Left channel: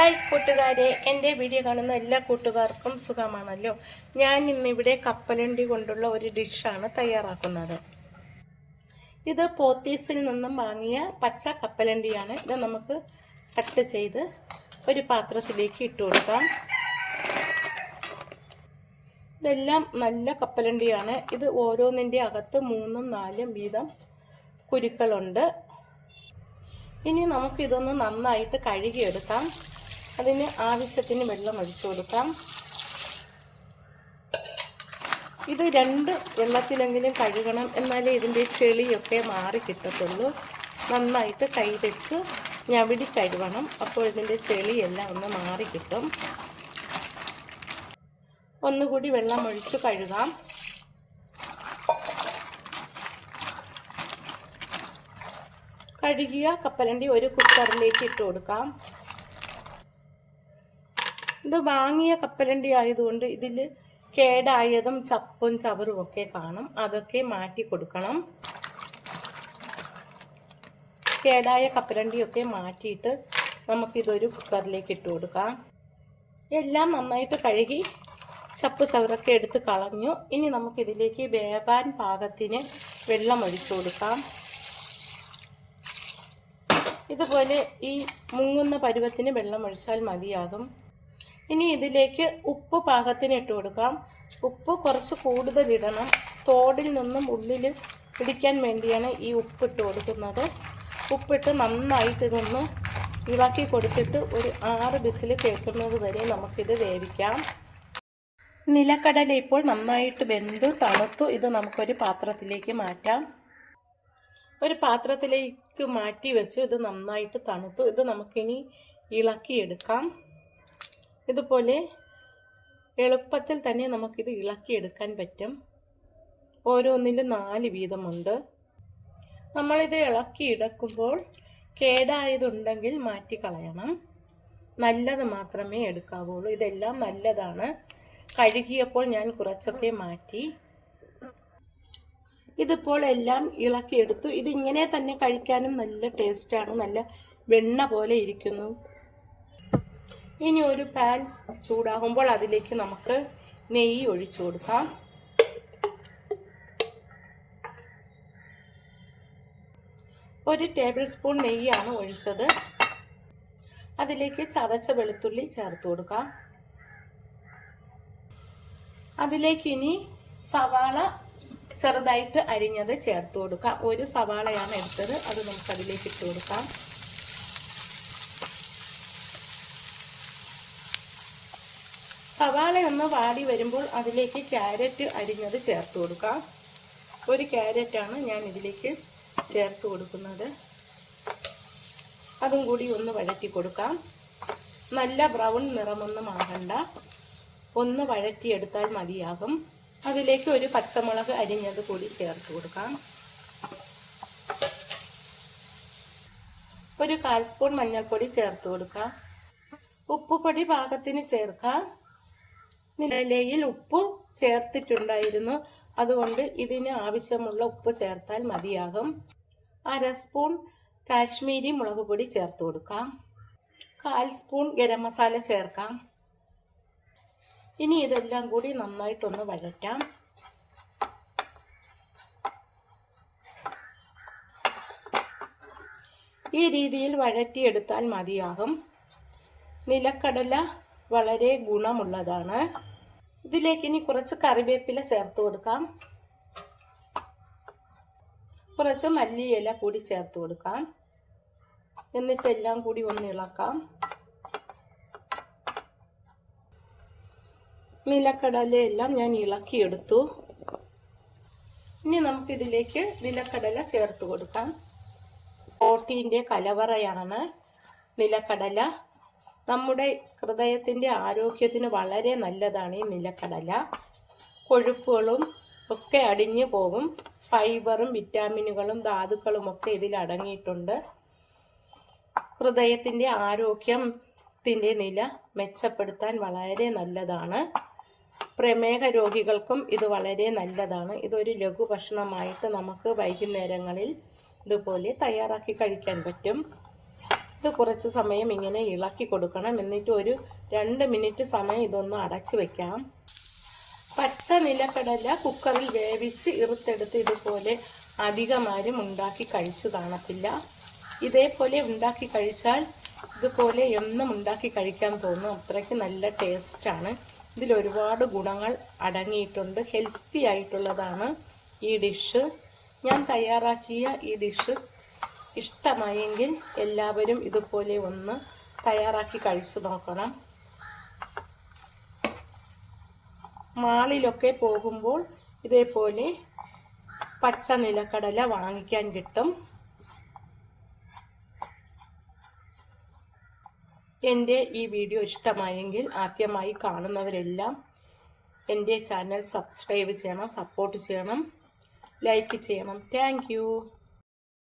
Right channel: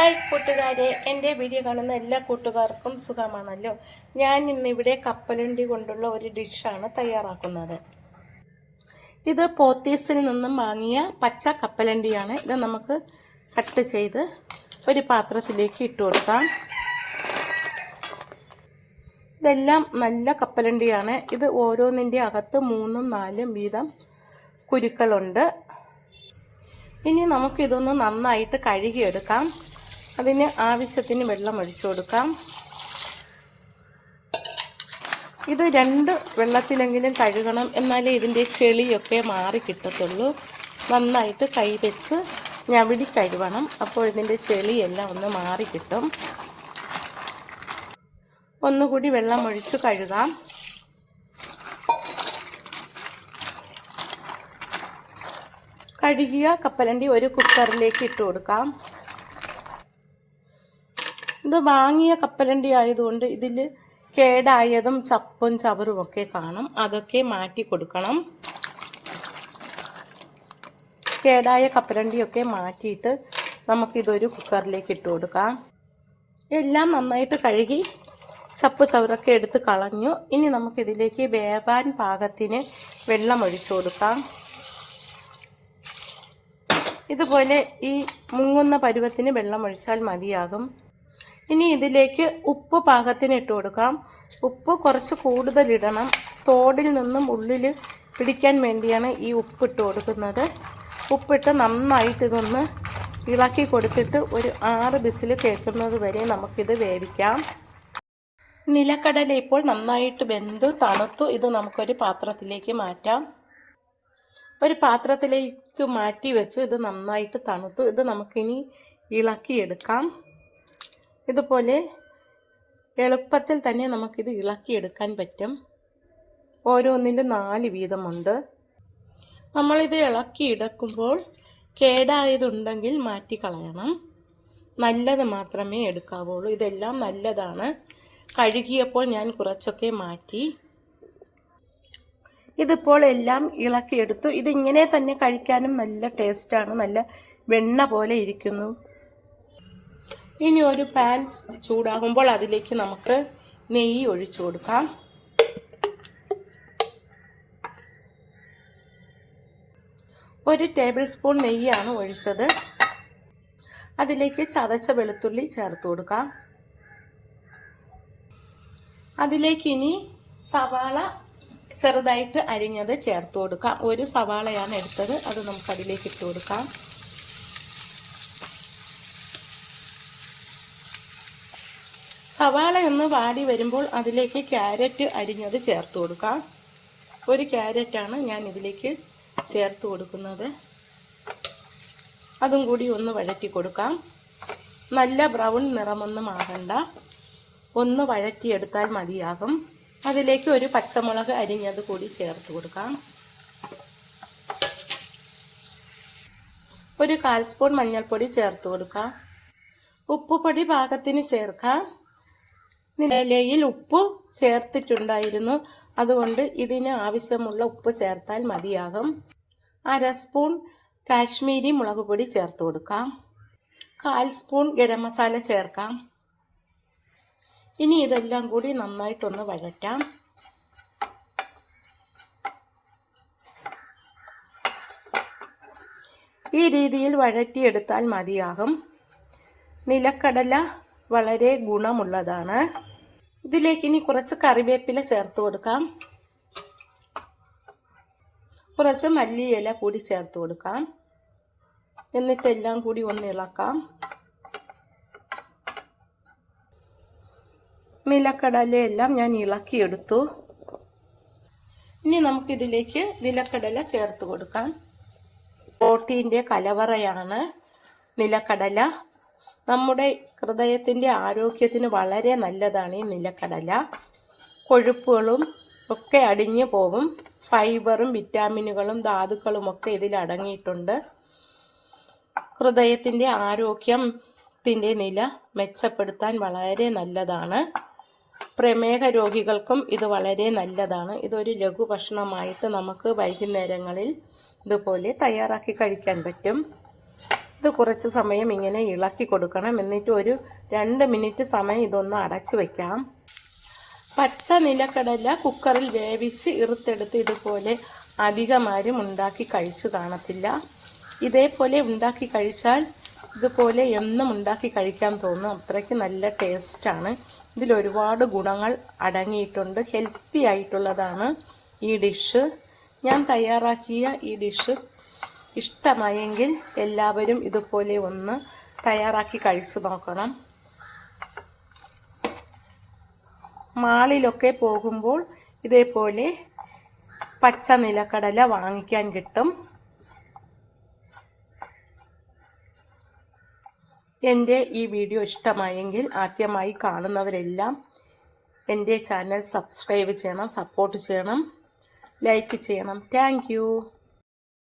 Hi കൂട്ടുകാരെ, എൻ്റെ video കാണുന്ന എല്ലാ കൂട്ടുകാർക്കും സുഖമാണല്ലോ. ഞാൻ ഇന്നിവിടെ കപ്പലണ്ടി കൊണ്ടുള്ള ഒരു ഡിഷാണ് തയ്യാറാക്കുന്നത്. ഇത് പോത്തീസിൽ നിന്നും വാങ്ങിയ പച്ച കപ്പലണ്ടിയാണ്. ഇത് നമുക്ക് കട്ട് ചെയ്ത് ഒരു പാത്രത്തിലേക്ക് ഇട്ട് കൊടുക്കാം. ഇതെല്ലാം നല്ല കപ്പലണ്ടിയാണ്. ഇത് ഓരോന്നിൻ്റെ അകത്ത് 3ഉം 4ഉം വീതം കുരുക്കളുണ്ട്. ഇനി നമുക്കിതൊന്ന് നന്നായിട്ട് കഴുകിയെടുക്കാം. അതിന് ആവശ്യത്തിന് വെള്ളം ഒഴിച്ചു കൊടുക്കാം. ഇത് 2 വെള്ളത്തിലെങ്കിലും കഴുകണം, എന്നാലേ ഇതിൻ്റെ ചെളിയൊക്കെ മാറി കിട്ടത്തുള്ളൂ. നന്നായിട്ട് കൈ വെച്ച് ഞവിടി കഴുകണം, അപ്പോൾ ഇതിൻ്റെ ചെളിയെല്ലാം ഒന്ന് മാറി കിട്ടും. ഒന്നുകൂടി വെള്ളം ഒഴിച്ച് കഴുകാം. കഴുകിയ കപ്പലണ്ടി ഒരു കുക്കറിലേക്ക് ഇട്ട് കൊടുക്കാം. ഇത് വാങ്ങിയ കപ്പലണ്ടി ആയതുകൊണ്ട് ഇതിൽ കേടായതും ചപ്പും ചവറും ഒക്കെ കാണും. അതൊക്കെ മാറ്റി കൊടുക്കണം. കേടായ കപ്പലണ്ടിയൊക്കെ മാറ്റിയിട്ട് നമുക്കിതൊരു കുക്കറിലേക്ക് ഇട്ട് കൊടുക്കാം. എല്ലാം നന്നായിട്ട് കഴുകി ചപ്പ് ചവറൊക്കെ എടുത്ത് കളഞ്ഞു. ഇനി നമുക്കിതിലേക്ക് വേവാൻ പാകത്തിന് വെള്ളം ഒഴിച്ചു കൊടുക്കാം. ഇതുപോലെ ഈ മുങ്ങുന്ന പരുവത്തിന് വെള്ളം ഒഴിച്ചാൽ മതിയാകും. ഇനി ഇതിലേക്ക് ഉപ്പ് പാകത്തിന് ഇട്ട് കൊടുക്കാം. ഉപ്പ് കുറച്ച് കൂടുതലിടണം. തോടിൽ നിന്നും ഉള്ളിൽ പിടിക്കാൻ വേണ്ടിയാണ് ഈ ഉപ്പിട്ട് കൊടുക്കുന്നത്. ഉപ്പിട്ട് നന്നായിട്ട് ഇതൊന്ന് ഇളക്കി കൊടുത്തിട്ട് ഒരു 6 വിസിൽ കേൾക്കുന്നത് വരെ നമുക്കിത് വേവിക്കാം. നിലക്കടല ഇപ്പോൾ നന്നായിട്ട് വെന്ത് തണുത്തു. ഇത് നമുക്കൊരു പാത്രത്തിലേക്ക് മാറ്റാം. ഒരു പാത്രത്തിലേക്ക് മാറ്റി വെച്ചു. ഇത് നന്നായിട്ട് തണുത്തു. ഇത് നമുക്കിനി ഇളക്കിയെടുക്കാം. ഇതുപോലെ എളുപ്പത്തിൽ തന്നെ നമുക്കിത് ഇളക്കിയെടുക്കാൻ പറ്റും. ഓരോന്നിലും 4 വീതമുണ്ട്. നമ്മളിത് ഇളക്കിയെടുക്കുമ്പോൾ കേടായതുണ്ടെങ്കിൽ മാറ്റിക്കളയണം. നല്ലത് മാത്രമേ എടുക്കാവുള്ളൂ. ഇതെല്ലാം നല്ലതാണ്. കഴുകിയപ്പോൾ ഞാൻ കുറച്ചൊക്കെ മാറ്റി. ഇതിപ്പോൾ എല്ലാം ഇളക്കിയെടുത്തു. ഇതിങ്ങനെ തന്നെ കഴിക്കാനും നല്ല ടേസ്റ്റാണ്. നല്ല വെണ്ണ പോലെ ഇരിക്കുന്നു. ഇനി ഒരു പാൻ ചൂടാകുമ്പോൾ അതിലേക്ക് നമുക്ക് നെയ്യ് ഒഴിച്ചു കൊടുക്കാം. ഒരു ടേബിൾ സ്പൂൺ നെയ്യാണ് ഒഴിച്ചത്. അതിലേക്ക് ചതച്ച വെളുത്തുള്ളി ചേർത്ത് കൊടുക്കാം. അതിലേക്ക് ഇനി സവാള ചെറുതായിട്ട് അരിഞ്ഞത് ചേർത്ത് കൊടുക്കാം. ഒരു സവാളയാണ് എടുത്തത്. അത് നമുക്ക് അതിലേക്ക് ഇട്ട് കൊടുക്കാം. സവാള ഒന്ന് വാടി വരുമ്പോൾ അതിലേക്ക് ക്യാരറ്റ് അരിഞ്ഞത് ചേർത്ത് കൊടുക്കാം. ഒരു ക്യാരറ്റാണ് ഞാൻ ഇതിലേക്ക് ചേർത്ത് കൊടുക്കുന്നത്. അതും കൂടി ഒന്ന് വഴറ്റി കൊടുക്കാം. നല്ല ബ്രൗൺ നിറമൊന്നും ആകണ്ട, ഒന്ന് വഴറ്റിയെടുത്താൽ മതിയാകും. അതിലേക്ക് ഒരു പച്ചമുളക് അരിഞ്ഞത് കൂടി ചേർത്ത് കൊടുക്കാം. ഒരു 1/4 സ്പൂൺ മഞ്ഞൾപ്പൊടി ചേർത്ത് കൊടുക്കാം. ഉപ്പുപൊടി പാകത്തിന് ചേർക്കാം. ഇലയിൽ ഉപ്പ് ചേർത്തിട്ടുണ്ടായിരുന്നു, അതുകൊണ്ട് ഇതിന് ആവശ്യമുള്ള ഉപ്പ് ചേർത്താൽ മതിയാകും. 1/2 സ്പൂൺ കാശ്മീരി മുളക് പൊടി ചേർത്ത് കൊടുക്കാം. 1/4 സ്പൂൺ ഗരം മസാല ചേർക്കാം. ഇനി ഇതെല്ലാം കൂടി നന്നായിട്ടൊന്ന് വഴറ്റാം. ഈ രീതിയിൽ വഴറ്റിയെടുത്താൽ മതിയാകും. നിലക്കടല വളരെ ഗുണമുള്ളതാണ്. ഇതിലേക്ക് ഇനി കുറച്ച് കറിവേപ്പില ചേർത്ത് കൊടുക്കാം. കുറച്ച് മല്ലിയില കൂടി ചേർത്ത് കൊടുക്കാം. എന്നിട്ടെല്ലാം കൂടി ഒന്ന് ഇളക്കാം. നിലക്കടലയെല്ലാം ഞാൻ ഇളക്കിയെടുത്തു. ഇനി നമുക്കിതിലേക്ക് നിലക്കടല ചേർത്ത് കൊടുക്കാം. പ്രോട്ടീൻ്റെ കലവറയാണ് നിലക്കടല. നമ്മുടെ ഹൃദയത്തിൻ്റെ ആരോഗ്യത്തിന് വളരെ നല്ലതാണ് ഈ നിലക്കടല. കൊഴുപ്പുകളും ഒക്കെ അടിഞ്ഞു പോകും. ഫൈബറും വിറ്റാമിനുകളും ധാതുക്കളും ഒക്കെ ഇതിൽ അടങ്ങിയിട്ടുണ്ട്. ഹൃദയത്തിൻ്റെ ആരോഗ്യത്തിൻ്റെ നില മെച്ചപ്പെടുത്താൻ വളരെ നല്ലതാണ്. പ്രമേഹ രോഗികൾക്കും ഇത് വളരെ നല്ലതാണ്. ഇതൊരു ലഘു ഭക്ഷണമായിട്ട് നമുക്ക് വൈകുന്നേരങ്ങളിൽ ഇതുപോലെ തയ്യാറാക്കി കഴിക്കാൻ പറ്റും. ഇത് കുറച്ച് സമയം ഇങ്ങനെ ഇളക്കി കൊടുക്കണം. എന്നിട്ട് ഒരു 2 മിനിറ്റ് സമയം ഇതൊന്ന് അടച്ചു വയ്ക്കാം. പച്ച നിലക്കടല കുക്കറിൽ വേവിച്ച് ഇറുത്തെടുത്ത് ഇതുപോലെ അധികമാരും ഉണ്ടാക്കി കഴിച്ചു കാണത്തില്ല. ഇതേപോലെ ഉണ്ടാക്കി കഴിച്ചാൽ ഇതുപോലെ എന്നും ഉണ്ടാക്കി കഴിക്കാൻ തോന്നും. അത്രയ്ക്ക് നല്ല ടേസ്റ്റാണ്. ഇതിലൊരുപാട് ഗുണങ്ങൾ അടങ്ങിയിട്ടുണ്ട്. ഹെൽത്തി ആയിട്ടുള്ളതാണ് ഈ ഡിഷ്. ഞാൻ തയ്യാറാക്കിയ ഈ ഡിഷ് ഇഷ്ടമായെങ്കിൽ എല്ലാവരും ഇതുപോലെ ഒന്ന് തയ്യാറാക്കി കഴിച്ചു നോക്കണം. മാളിലൊക്കെ പോകുമ്പോൾ ഇതേപോലെ പച്ച നിലക്കടല വാങ്ങിക്കാൻ കിട്ടും. എൻ്റെ ഈ വീഡിയോ ഇഷ്ടമായെങ്കിൽ ആദ്യമായി കാണുന്നവരെല്ലാം എൻ്റെ ചാനൽ സബ്സ്ക്രൈബ് ചെയ്യണം, സപ്പോർട്ട് ചെയ്യണം, ലൈക്ക് ചെയ്യണം. Thank you.